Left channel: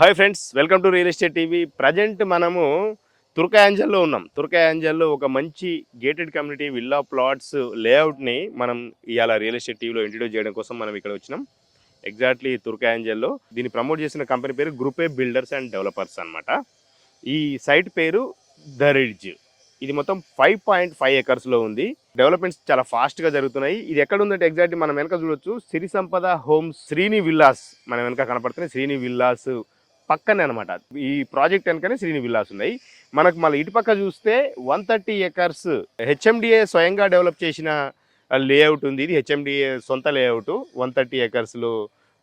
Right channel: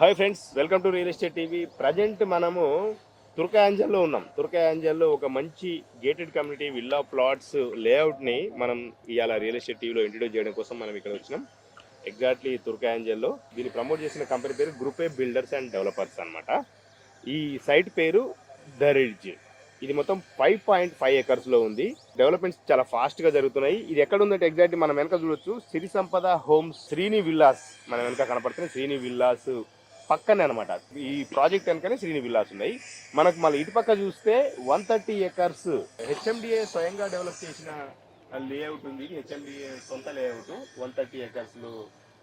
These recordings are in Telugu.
Hi friends, welcome to real estate TV. Present మనము తుర్కయాంజల్లో ఉన్నాం. తుర్కయాంజల్లో ఒక మంచి గేటెడ్ కమ్యూనిటీ విల్లా ప్లాట్స్ లేఅవుట్ని మనం ఇవాళ రియల్ ఎస్టేట్ టీవీలో ఇంట్రడ్యూస్ చేయడం కోసం మనం ఇక్కడ వచ్చినాం. ఎగ్జాక్ట్లీ తుర్కయాంజల్లో దీన్ని ప్రమోట్ చేసిన కంపెనీ పేరు group A builders and developers అనమాట. ఈ సైట్ పేరు ద రిడ్జ్. ఇది మొత్తం 5.5 ఎకర్స్లో ఉంది. డెవలప్మెంట్స్ చాలా ఫాస్ట్గా జరుగుతున్నాయి. ఇది ఎక్కడ ఉందంటే ఎగ్జాక్ట్లీ మనం వెనక చూడొచ్చు, సిరి సంపద హోమ్స్ శ్రీని విల్లాస్ మన వెనక కనపడుతున్నాయి. శ్రీని విల్లాస్ పక్కనే అనమాట. ఈ ప్రాజెక్ట్ వెనకనే శ్రీని విల్లాస్ ఉన్నాయి. మనకు మళ్ళీ ఇటు పక్క చూస్తే 130 ఎకర్స్ హెచ్ఎండిఏ స్వయంగా డెవలప్ చేసిన లేఅవుట్ ఉంది. ఇది హెచ్ఎండిఏ సొంత లేఅవుట్. 130 ఎకర్స్లో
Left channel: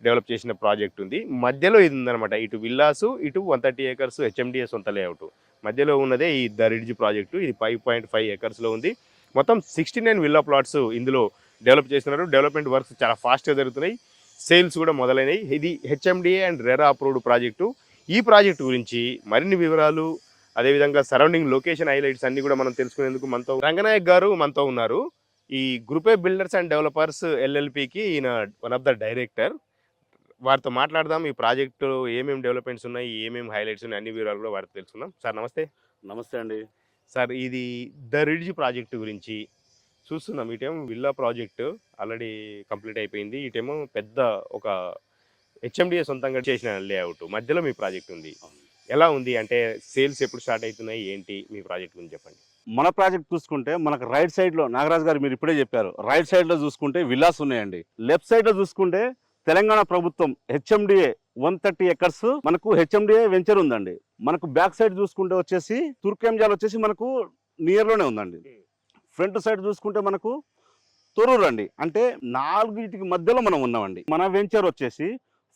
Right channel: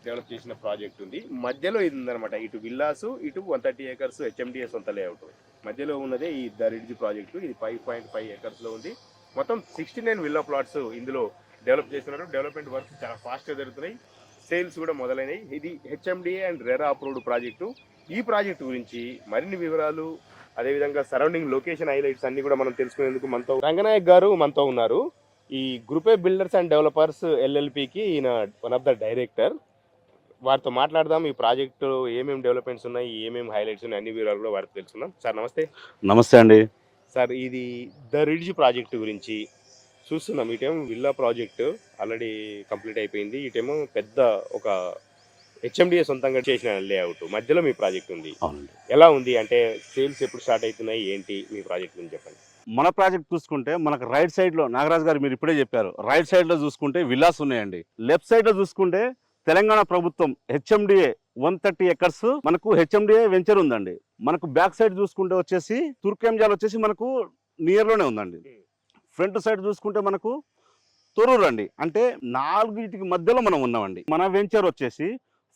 డెవలప్ చేసిన ప్రాజెక్ట్ ఉంది. మధ్యలో ఇది ఉందన్నమాట. ఇటు విల్లాసు, ఇటు 130 ఎకర్స్ హెచ్ఎండిఏ సొంత లేఅవుట్. మధ్యలో ఉన్నదే ఈ ద రిడ్జ్ ప్రాజెక్టు. ఇది 5.5 ఎకర్స్లో ఉంది. మొత్తం 69 విల్లా ప్లాట్స్ ఇందులో డెవలప్ చేస్తున్నారు. డెవలప్మెంట్ వర్క్స్ చాలా ఫాస్ట్గా జరుగుతున్నాయి. సేల్స్ కూడా మొదలైనవి. ఇది HMDA and RERA approved project. ఈ ప్రాజెక్టు గురించి మరిన్ని వివరాలు, అదేవిధంగా సరౌండింగ్ లొకేషన్ హైలైట్స్ అన్ని కూడా మనం తెలుసుకునేందుకు మనతో రంగనాయక్ గారు మనతో ఉన్నారు. ఈ group A builders and developers ఎల్ఎల్పికి ఈయన వన్ ఆఫ్ ద డైరెక్టర్. వారితో మాట్లాడదాం. ఈ ప్రాజెక్టు ఏమేమి డెవలప్మెంట్స్ ఉన్నాయి, ఏమేమి హైలైట్స్ ఉన్నాయి, అన్ని వివరాలు కూడా వారితో తెలుసుకుందాం. సార్ నమస్తే. నమస్తే అండి. సార్, ఇది ద రిడ్జ్ ప్రాజెక్టు గురించి చూస్తున్నాం. ఇటేమో విల్లా ప్రాజెక్టు ఆల్రెడీ కంప్లీట్ అయిపోయింది. ఇటేమో పెద్ద ఒక హెచ్ఎండిఏ సొంతంగా చేసిన లేఅవుట్. మధ్యలో మీ ప్రాజెక్ట్ ఉంది. ఎలా ఉంది అంటే సేల్స్ ఎప్పుడు స్టార్ట్ అవుతున్నాయి, ఏంటి మీ ప్రాజెక్ట్ గురించి చెప్పండి. మన ప్రాజెక్ట్ చూసుకుంటే మనకు రైట్ సైడ్ లో, నాగరాజ్ గారు మీరు ఇప్పుడే చెప్పారు, రైట్ సైడ్ లో చూసుకుంటే విల్లాస్ ఉన్నాయండి. లెఫ్ట్ సైడ్ లో చూసుకుంటే తెలంగాణ ప్రభుత్వం హెచ్ఎండిఏ 130 ఎకర్స్ మనకు హెచ్ఎండిఏ వెంచర్ ఉందండి. మనకు బ్యాక్ సైడ్ చూసుకుంటే వచ్చేసి తుర్కెంజాల్ వచ్చేసి మనకు నియర్ లోనే ఉందండి. ఫ్రంట్ సైడ్ చూసుకుంటే మనకు తొర్రూరు అండి. అంటే నాలుగిటికి మధ్యలో మనం ఉన్నామండి. మన వెంచర్ వచ్చేసి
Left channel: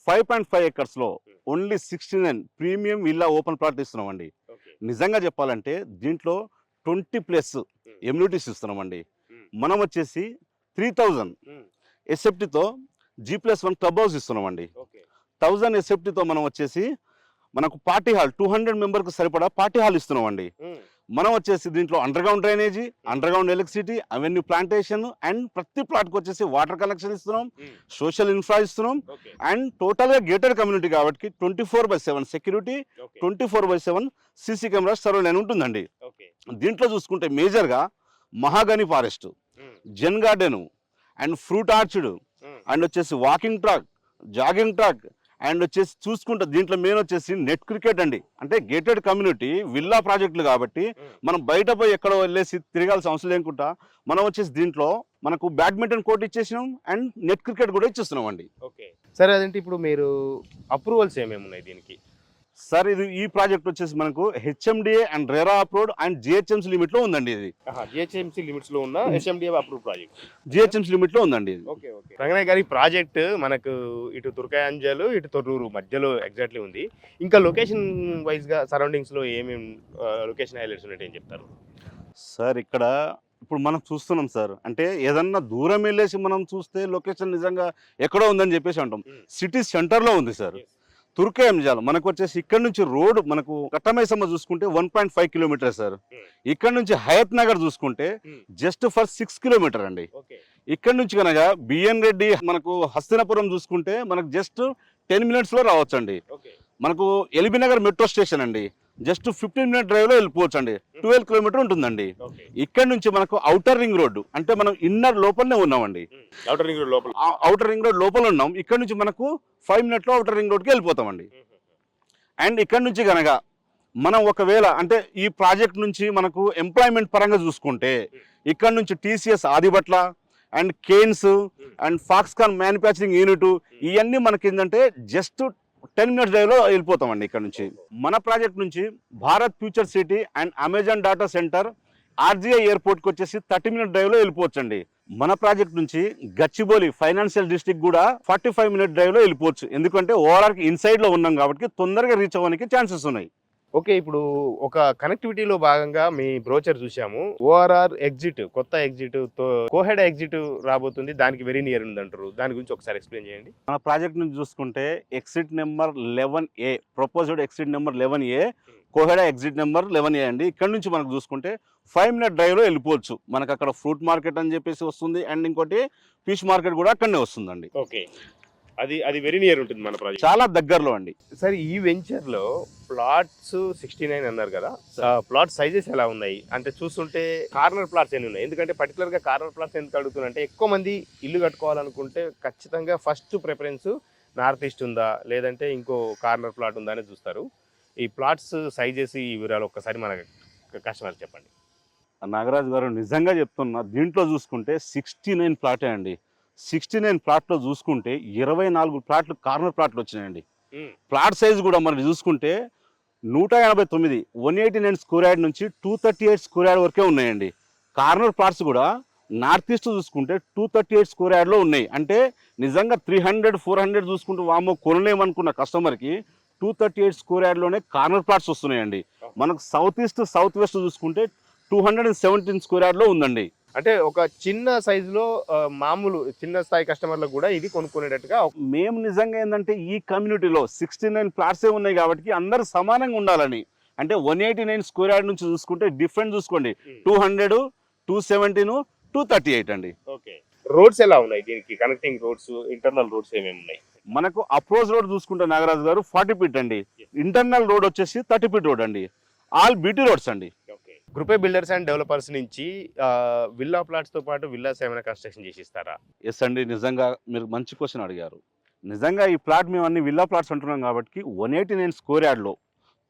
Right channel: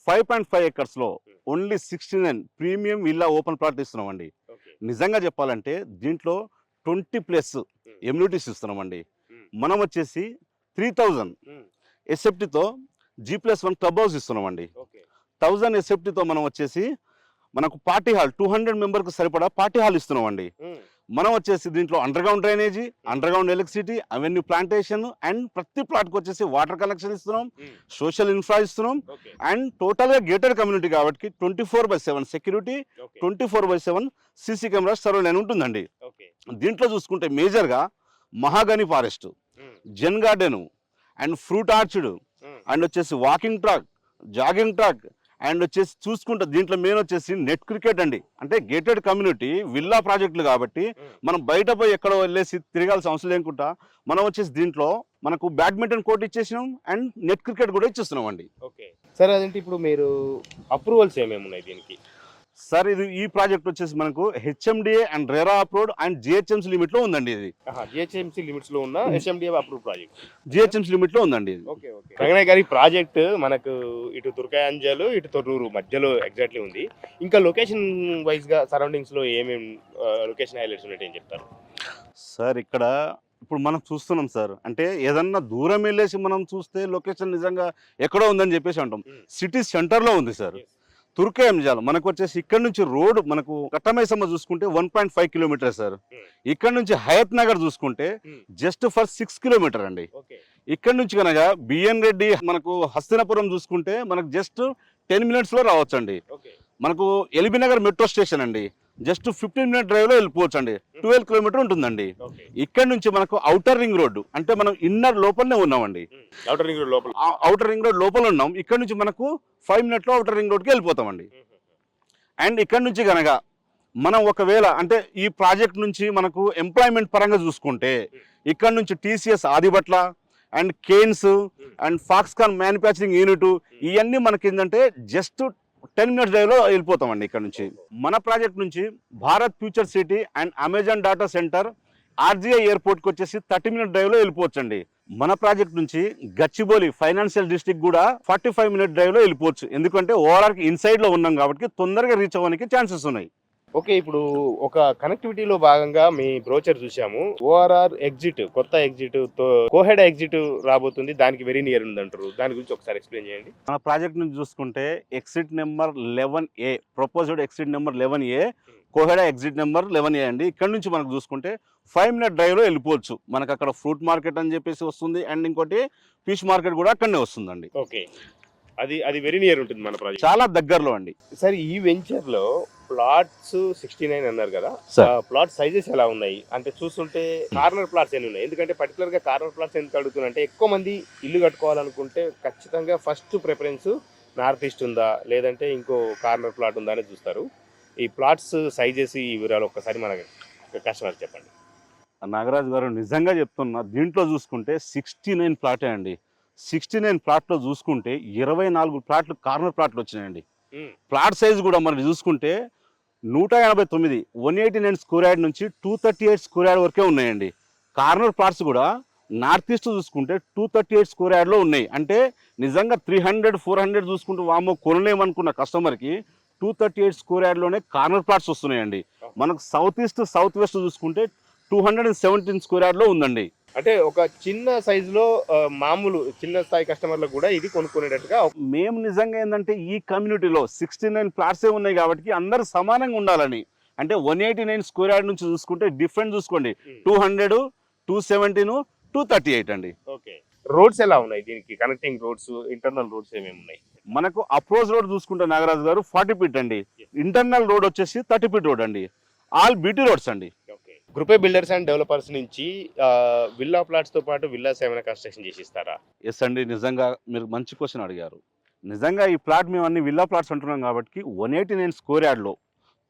5.5 ఎకర్స్ లో only 69 premium villa open plot ఇస్తున్నామండి. నిజంగా చెప్పాలంటే దీంట్లో 20+ ఎమ్యూనిటీస్ ఇస్తున్నామండి. మనం వచ్చేసి 3000 ఎస్ఎఫ్టీతో G+1 క్లబ్ హౌస్ ఇస్తున్నామండి. 1000 ఎస్ఎఫ్టీతో మనం వచ్చేసి మనకు పార్టీ హాల్ 200 మెంబర్కు సరిపడా పార్టీ హాల్ ఇస్తున్నామండి. మనం వచ్చేసి దీంట్లో under ground drainage, under ground electricity, avenue plantation and ప్రతి ప్లాట్కి వచ్చేసి వాటర్ కనెక్షన్ ఇస్తున్నాం, సోషల్ ఇన్ఫ్రా ఇస్తున్నాం. అండ్ టోటల్గా గేటెడ్ కమ్యూనిటీ కాబట్టి 24/7 సెక్యూరిటీ, 24/7 సీసీ కెమెరాస్ సర్వేలైన్ ఉంటుందండి. దీంట్లో చూసుకుంటే మేజర్గా mahogany forest, zen garden and fruit orchard and వచ్చేసి walking track, jogging track and వచ్చేసి చూసుకుంటే దీంట్లో మెయిన్ వచ్చేసి నెట్ క్రికెట్ అండి. అంటే గేటెడ్ కమ్యూనిటీ విల్లా ప్రాజెక్టులు కాబట్టి మనం బయట పోయి ఎక్కడో వెళ్ళేసి తిరగాల్సిన అవసరం లేకుండా మనం వచ్చేసి దీంట్లో మనకు బ్యాడ్మింటన్ కోర్ట్ ఇచ్చేసినాం అండ్ నెట్ క్రికెట్ కూడా ఇచ్చేస్తున్నాం అండి. ఓకే సార్, అదేంటి ఇప్పుడు మీరు అప్రూవల్స్ ఏమేమి ఉన్నాయి దీనికి? సార్, ఇది ఈ ప్రాజెక్ట్ వచ్చేసి మనకు HMDA and RERA approved and GHMC limit లో ఉందండి. ఇది జిహెచ్ఎంసీ లిమిట్స్ లో ఉన్న HMDA approved project, GHMC limit లో ఉందండి. Okay okay. రంగనాయ్ గారి ప్రాజెక్ట్ మనకు ఇటు తుర్కయాంజల్, ఇటు తొర్రూరు మధ్యలో ఎగ్జాక్ట్లీ ఉంది. ఇంకా లొకేషన్ వైజ్ గా సరౌండింగ్స్ లో ఏమేమి లొకేషన్ హైలైట్స్ ఉన్నాయి ఏం చెప్తారు? సార్, ఇక్కడ ఇప్పుడు మనం చూస్తున్నాం సార్, అంటే ఏదన్నా దూరం వెళ్ళేసి మనం చూస్తే లొకేషన్ నిజంగా ఎక్కడో ఉందని చెప్పేసి అంటాం. సిటీ సెంటర్ లో ఉంది సార్. తుర్కయాంజల్ మనకు వచ్చేసి ఇక్కడ నుంచి రోడ్ మనకు కట్టమైసమ్మ చూసుకుంటే 1.5 కిలోమీటర్ సార్. ఇక్కడ నుంచి హయత్ నగర్ చూసుకుంటే జస్ట్ ఫర్ 6 కిలోమీటర్ అండి. ఇక్కడ నుంచి కనుక బిఎన్ రెడ్డి మనకు హస్తినాపురం చూసుకుంటే మనకు జస్ట్ 10 మినిట్స్ లో రావచ్చు అండి. మనకు ఎల్బీ నగర్ మెట్రో స్టేషన్ అండి జస్ట్ 15 మినిట్ డ్రైవ్ లో వెళ్ళిపోవచ్చు అండి. 12 కిలోమీటర్ ఉంటుందండి. ఇక్కడ నుంచి మనకు ఔటర్ రింగ్ రోడ్డు, అంటే మనం ఇన్నర్ లోపలనే ఉన్నామండి. ఔటర్ రింగ్ రోడ్ లోపల ఉన్నాం. ఇక్కడ నుంచి మనకు 5 మినిట్లో ఔటర్ రింగ్ రోడ్కి వెళ్ళిపోతామండి. అండ్ ఇక్కడ నుంచి కనుక మనం ఒకవేళ అంటే ఈ ప్రాజెక్ట్ నుంచి మనకు ఎంప్లాయ్మెంట్ పరంగా చూసుకుంటే ఇక్కడ నుంచి TCS Adibatla and Kaynes and Foxconn manufacturing unit ఇవన్నీ మనకి ఏంటంటే జస్ట్ 10 మినిట్స్ డ్రైవ్ లో వెళ్ళిపోతామండి. ఇక్కడ నుంచి మన ప్రాజెక్ట్ నుంచి Bharat future city and Amazon data centre, RGI ఎయిర్పోర్ట్కి వచ్చేసి 30 మినిట్ డ్రైవ్ లో వెళ్ళిపోవచ్చండి. మన ప్రాజెక్ట్ నుంచి గచ్చిబౌలి ఫైనాన్షియల్ డిస్ట్రిక్ట్ కూడా 45 మినిట్ డ్రైవ్ లో వెళ్ళిపోవచ్చు. ఎందుకంటే ఓఆర్ఆర్ ఇన్సైడ్ లో ఉన్నాం కాబట్టి తొందరగా రీచ్ అవ్వడానికి ఛాన్సెస్ ఉన్నాయి. ఓకే, ఇప్పుడు ఒక కనెక్టివిటీలో భాగంగా మీ బ్రోచర్ చూసాము. ఓఆర్ఆర్ ఎగ్జిట్, కొత్త ఎగ్జిట్ తో కోహెడ ఎగ్జిట్ రాబోతుంది. దానికి వెరీ నియర్ ఉంది అంటారు. దాని గురించి ఒకసారి ఎక్స్ప్లెయిన్ చేయండి. మన ప్రాజెక్ట్ నుంచి చూసుకుంటే exit number 11A, proposed exit number 11A, Koheda exit number 11A అండి. ఇక్కడ నుంచి మనకు చూసుకుంటే 5 మినిట్ డ్రైవ్ లో వెళ్ళిపోవచ్చు. మనకు అక్కడ ఫ్రూట్ మార్కెట్ అని చెప్పేసి వస్తుంది అండ్ ఇంకోటి ఫిష్ మార్కెట్ కూడా అక్కడనే వస్తుందండి. ఓకే, అది అది వెరీ నియర్ ఉంటుంది మన ప్రాజెక్ట్. చాలా దగ్గరలో అండి. సార్ ఈ వెంచర్ లో ప్లాట్స్ 69 అన్నారు కదా, సార్. ప్లాట్ సైజెస్ ఎలా ఉన్నాయి అంటే చూస్తుంటే కార్నర్ ప్లాట్స్ ఎన్ని ఉన్నాయి? ఎందుకంటే పర్టికులర్ గా కార్నర్ ప్లాట్స్ ఎందుకు అడుగుతున్నా అంటే ఎక్కువ మంది ఇల్లు కట్టుకోవాలనుకుంటే ఖచ్చితంగా ఫస్ట్ ప్రిఫరెన్స్ నార్త్ ఈస్ట్ ఉందా లేదంటే ఇంకో కార్నర్ ప్లాట్ ఉందా అని చూస్తారు. ఈ ప్లాట్స్ సైజెస్ ఈ వివరాలు ఒక్కసారి మన కస్టమర్ చెప్పండి. నాగరాజు గారు నిజంగా చెప్తున్నా, దీంట్లో చూసుకుంటే 69 ప్లాటే అండి. 69 ప్లాట్లో చూసుకుంటే 24 ప్లాట్లు కార్నర్ ప్లాట్లు వచ్చినాయండి. ప్లాట్ సైజ్ కూడా మనం చూసుకుంటే 189 189 స్క్వేర్ యార్డ్ నుంచి 238 స్క్వేర్ యార్డ్ వరకే ఉన్నాయండి. కార్నర్ ప్లాట్స్ కూడా నార్త్ ఈస్ట్ చూసుకుంటే 238 స్క్వేర్ యార్డ్లో ఉన్నాయి. అంటే నిజంగా 300 400 చూసుకుంటూ వామో కొనలేమనుకున్న కస్టమర్కి 238 స్క్వేర్ యార్డ్లోనే కార్నర్ ప్లాట్స్ వస్తున్నాయండి. మనకు సౌత్ ఈస్ట్ సౌత్ వెస్ట్ చూసుకుంటే 217 స్క్వేర్ యార్డ్లో ఉందండి. అంటే ఒక చిన్న సైజులో మామూలు చిన్న స్థాయి కస్టమర్లకు కూడా ఇది కొనుక్కునేటట్టుగా. మేము నిజంగా ఏంటంటే ఈ కమ్యూనిటీలో 69 ప్లాట్సే ఉన్నాయి కాబట్టి అందరూ సమానంగా ఉండాలని, అంటే 189 స్క్వేర్ యార్డ్ నుంచి చూసుకుంటే డిఫరెంట్ చూసుకోండి, 200 217 238 అండి. ఓకే, రోడ్స్ ఎలా ఉన్నాయి దీనికి? కనెక్టింగ్ రోడ్స్, ఇంటర్నల్ రోడ్స్ ఏమేమి ఉన్నాయి? మనకు అప్రోచ్ రోడ్ చూసుకుంటే నాగరాజు గారు 40 ఫీట్ అండి, ఇంటర్నల్ రోడ్ వచ్చేసి 30 ఫీట్ రోడ్ అండి, ఆల్ బీటీ రోడ్స్ అండి. గ్రూపే బిల్డర్స్ అండ్ డెవలపర్స్ నుంచి విల్లా ప్లాట్స్ తో పాటు విల్లాస్ ఏమైనా కన్స్ట్రక్షన్ చేసి ఇస్తారా? ఎస్ అండి, నిజంగా మీరు మంచి క్వశ్చన్ అడిగారు. నిజంగా ఈ ప్లాట్ మేము అన్ని విల్లా ప్లాట్స్ అంటున్నాం కాబట్టి 189 స్క్వేర్ యార్డ్లో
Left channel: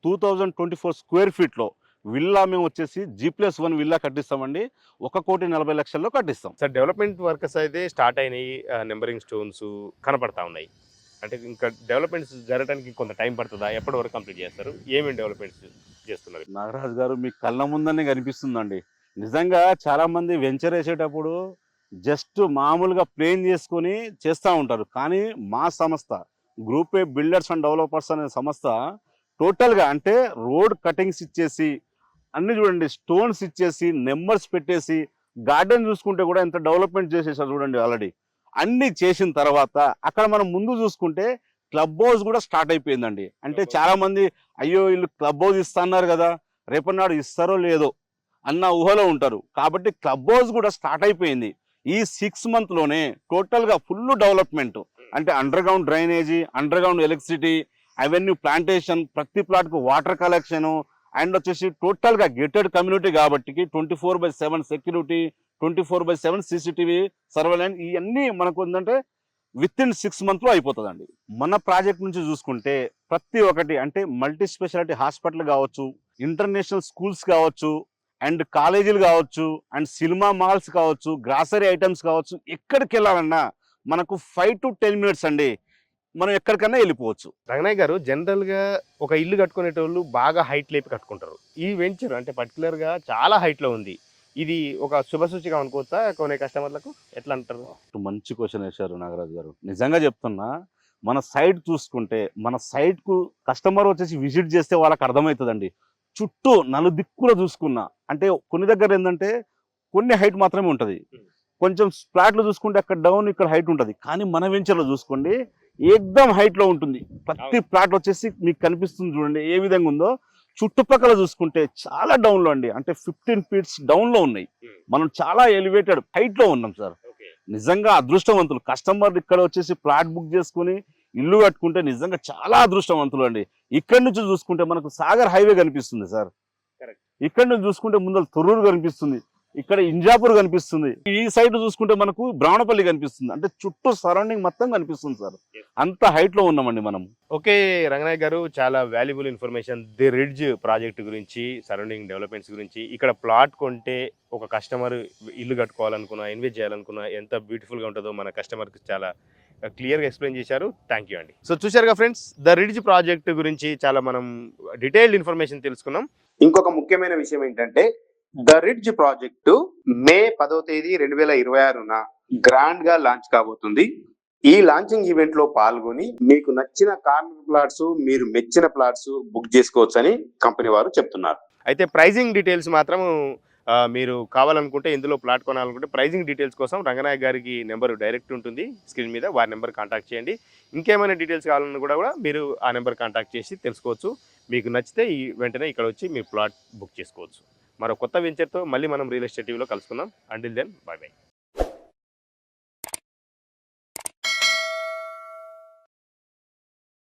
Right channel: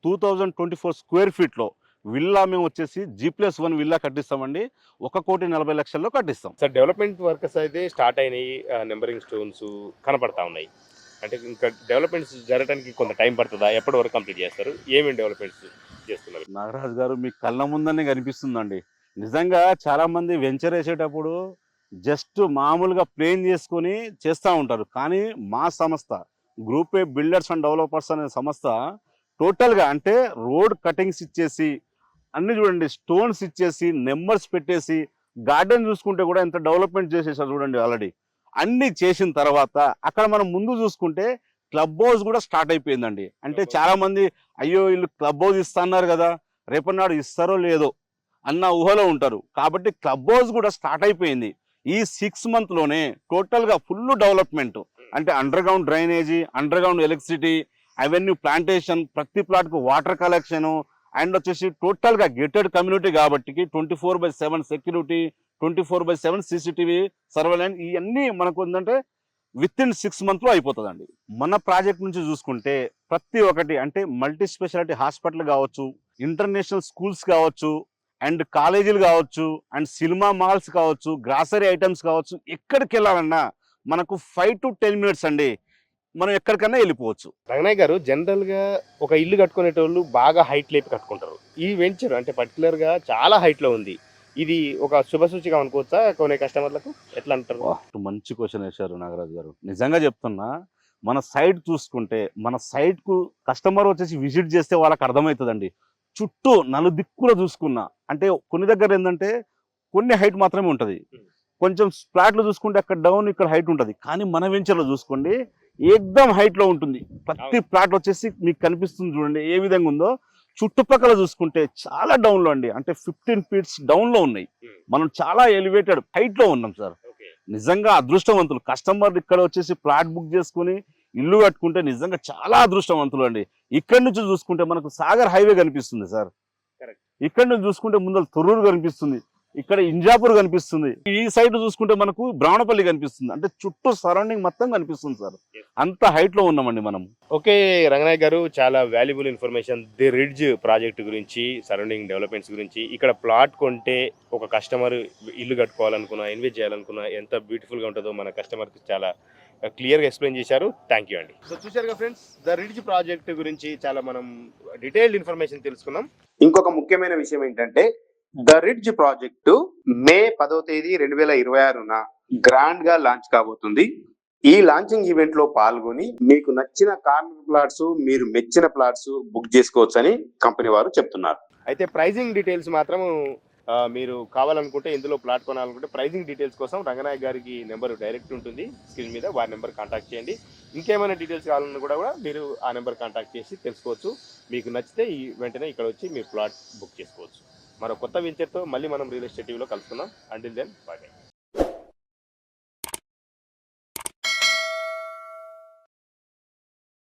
2024 స్క్వేర్ ఫీట్లో విల్లా మేము వచ్చేసి G+1 విల్లా కట్టిస్తామండి. 1,40,00,000 కట్టిస్తాం. సార్ డెవలప్మెంట్ వర్క్స్ అయితే స్టార్ట్ అయినాయి, నెంబరింగ్ స్టోన్స్ కనపడతా ఉన్నాయి. అంటే ఇంకా డెవలప్మెంట్స్ జరగడానికి కొంత టైం పడుతుందా? ఎప్పటి వరకు కంప్లీట్ చేస్తారు? ఏమేమి డెవలప్మెంట్స్ చేస్తున్నారు? నాగరాజు గారు మీ కళ్ళ ముందనే కనిపిస్తుందండి. నిజంగా చాలా మంది వెంచర్ వేసేటప్పుడు జస్ట్ మామూలుగా ప్లేన్ చేసుకొని చేస్తూ ఉంటారు. కానీ మా సంస్థ గ్రూపే బిల్డర్స్ అండ్ డెవలపర్స్ అనే సంస్థ టోటల్గా అంటే రోడ్ కటింగ్స్ ఇచ్చేసి అన్ని చూడండి, స్టోన్స్ ఇచ్చేసి నెంబర్స్ పెట్టేసి గార్డెన్ చూసుకుంటే కూడా ఎంత డెవలప్మెంట్ చేసేసారు చూడండి. ఆల్రెడీ అన్ని చేసిన తర్వాత అక్కడ మనం ముందు చూసుకుంటే క్లబ్ హౌస్ కూడా స్టార్ట్ అయిపోయిందండి. అంటే చాలా మంది అయ్యో వీళ్ళు క్లబ్ హౌస్ ఇస్తున్నారు కదా, రేపన్నాడు ఇస్తారో లేదో అన్న ఊహలో ఉంటారు. కాబట్టి క్లబ్ హౌస్ కూడా స్టార్ట్ అయిపోయింది. ఈ 6 monthలోనే టోటల్గా ఫుల్ డెవలప్మెంట్, అంటే under ground drainage, under ground electricity, avenue plantation, ప్రతి ప్లాట్కు వాటర్ కలెక్షన్, అండ్ వచ్చేసి టోటల్గా గేటెడ్ కమ్యూనిటీ కాబట్టి 24/7 సెక్యూరిటీ, 24/7 CCTV సర్వేలెన్స్, ఇవన్నీ మనకు ఏంటంటే విత్ ఇన్ 6 monthsలో అయిపోతుందండి. మన ప్రాజెక్ట్ నుంచి చూసుకుంటే ప్రతి ఒక్కటి అంటే మల్టీ స్పెషాలిటీ హాస్పిటల్ కావచ్చు, ఇంటర్నేషనల్ స్కూల్స్ కావచ్చు, అండ్ కాలేజీలు కావచ్చు, అండ్ సినిమా మాల్స్ కావచ్చు, గ్రాసరీ ఐటమ్స్ కావచ్చు, ఎక్కడికి వెళ్ళాలన్నా మనకు 5 to 10 minutes అండి, మనం ఎక్కడికన్నా వెళ్ళిపోవచ్చు. రంగనాయ్ గారు, జనరల్ గా ఒక ఇల్లు కట్టుకునేటోళ్ళు బాగా హైట్ లేపి కట్టుకుంటారు. ఈ వెంచర్ అంటే పర్టికులర్ గా చాలా హైట్ లో ఉంది. ఇది ఒక శుభసూచిగా అనుకోవచ్చా కొనే కస్టమర్లకు? ఎట్లా అంటారు? మంచి క్వశ్చన్ వేశారు నాగరాజు గారు. నిజంగా చెప్తున్నా, మన సైట్ చూసుకుంటే మన సైట్ కు కస్టమర్ వచ్చేసి విజిట్ చేస్తే వాళ్ళకి అర్థమవుతుందండి. చుట్టూ నలుదిక్కులో చూసుకున్నా, అంటే కొన్ని దగ్గర ఏంటంటే కొన్ని హైట్ మాత్రమే ఉంటుంది, కొంచెం ఫ్లాట్లు చూసుకుంటే అక్కడ డౌన్ ఇక్కడ హైట్ ఉంటుంది. కానీ మన వెంచర్లో చూసుకోండి ఏకదం హైట్లో ఉంటుంది. ప్రతి ప్లాట్ వచ్చేసి మీకు కనిపిస్తుంది చూడండి ఏ విధంగా ఉందో. చుట్టుపక్కల చూసుకుంటే చాలా డౌన్లో అండి, అంటే 15 feet డౌన్లో ఉన్నాయి. మనం చాలా ఎలివేటెడ్ హైట్లో ఉన్నాం సార్. నిజంగా అదృష్టవంతులు కస్టమర్ ఇక్కడ వచ్చేసి ప్లాట్ బుక్ చేసుకుని ఇల్లు కట్టుకుంటే నిజంగా చాలా అదృష్టవంతులు అండి. ఇక్కడ నుంచి చూసుకుంటే మనకు సాగర్ హైవే కనిపిస్తుంది సార్, ఇక్కడ నుంచి చూసుకుంటే ముందర తొర్రూరు కనిపిస్తుంది, ఇక్కడ ఇంజాపూర్ కనిపిస్తుంది, ఈ సైడ్ చూసుకుంటే మనకు బ్రాహ్మణపల్లి కనిపిస్తుంది. అంటే చుట్టూ సరౌండింగ్ మొత్తం కనిపిస్తుంది సార్, అంత హైట్ లో ఉన్నామండి మనం. ఓకే రంగనాయ్ గారు, చాలా valuable information the ridge project గురించి, సరౌండింగ్ డెవలప్మెంట్స్ గురించి, ఇక్కడ ప్లాట్ కొంటే ఒక కస్టమర్ ఇల్లు కట్టుకోవాలనుకున్నా, ఇన్వెస్ట్ చేయాలనుకున్నా ఎంత బ్యూటిఫుల్ గా ఉంటుందో మన కస్టమర్కి చాలా క్లియర్గా ఎక్స్ప్లెయిన్ చేశారు. థ్యాంక్ యూ అండి. సో చూశారుగా ఫ్రెండ్స్, ద రిడ్జ్ ప్రాజెక్ట్ గురించి చాలా మనం డీటెయిల్డ్ ఇన్ఫర్మేషన్ తెలుసుకున్నాం. ఇంకొక ముఖ్యమైన విషయం ఏంటంటే ద రిడ్జ్ ప్రాజెక్టు మే 10వ తేదీ 2026న గ్రాండ్ గా లాంచ్ కాబోతుంది. ఈ లాంచింగ్ ఈవెంట్ లో పాల్గొని మీకు నచ్చిన కార్నర్ ప్లాట్స్, మీరు మెచ్చిన ప్లాట్స్ బుక్ చేసుకోవచ్చని కంపెనీ వారు చెప్తున్నారు. అయితే ప్రైజింగ్ డీటెయిల్స్ మాత్రం మీరు కావాలనుకుంటే, ఇందులో ప్లాట్ కొనాలనుకుంటే ప్రైజింగ్ డీటెయిల్స్ కోసం రంగనాయక్ గారికి నెంబర్ డైరెక్ట్ ఉంటుంది స్క్రీన్ మీద, వారి నెంబర్ కాంటాక్ట్ చేయండి. ఇంకేమైనా డీటెయిల్స్ కావాలన్నా కూడా మీరు ఆ నెంబర్ కాంటాక్ట్ చేసి తెలుసుకోవచ్చు. మీకు నచ్చితే ఈ వెంటనే ఇక్కడ వచ్చి మీ ప్లాట్ బుక్ చేసుకోవచ్చు. మరో కొత్త వెంచర్తో మళ్ళీ మనం రియల్ ఎస్టేట్ టీవీలో కలుసుకుందాం. Until then, bye by.